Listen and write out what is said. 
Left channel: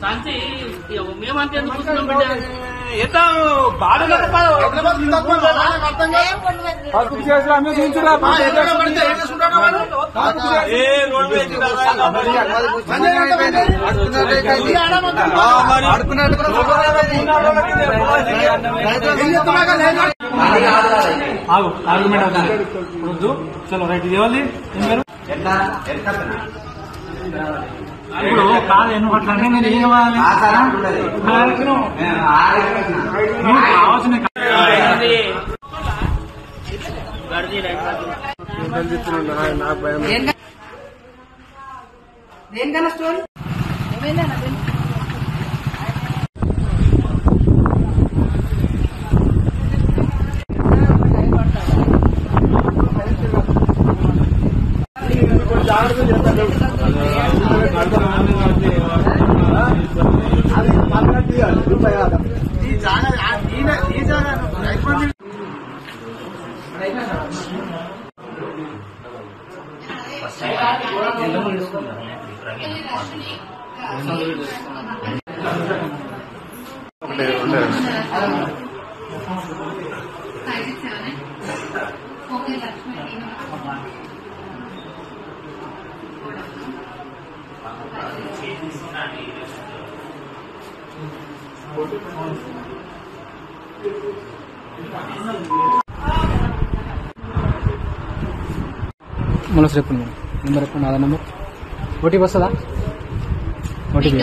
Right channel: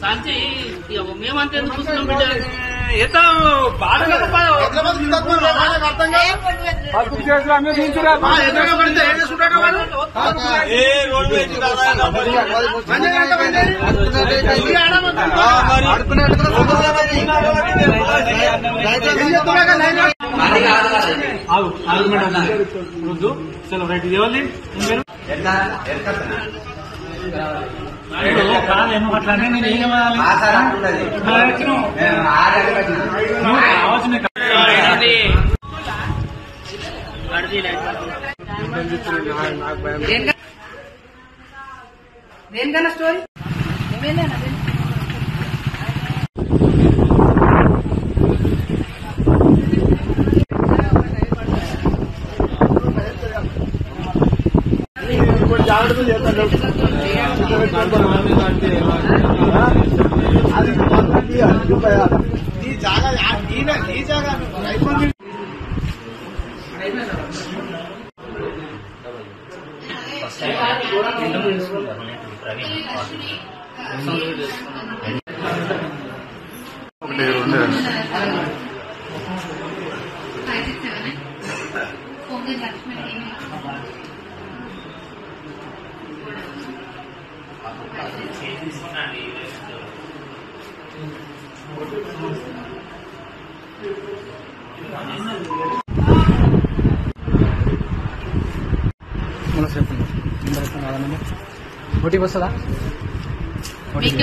सांचे మేమంటే ఎంత బాధగా పడితే ఏం చేసుకుంటాడు వాడు ఏ రోడ్డు కాదు నువ్వు అట్లా అంటే నేను ఏం కావాలి నువ్వు కావాల్సిన దేనికన్నా స్టోరీ ఏమైందా జాగ్రత్త చేస్తాను ఈ జాగా మనసు చెప్పండి నెంబర్ 6 నెంబర్ ఓటీపీ వస్తుందా? ఓటీపీ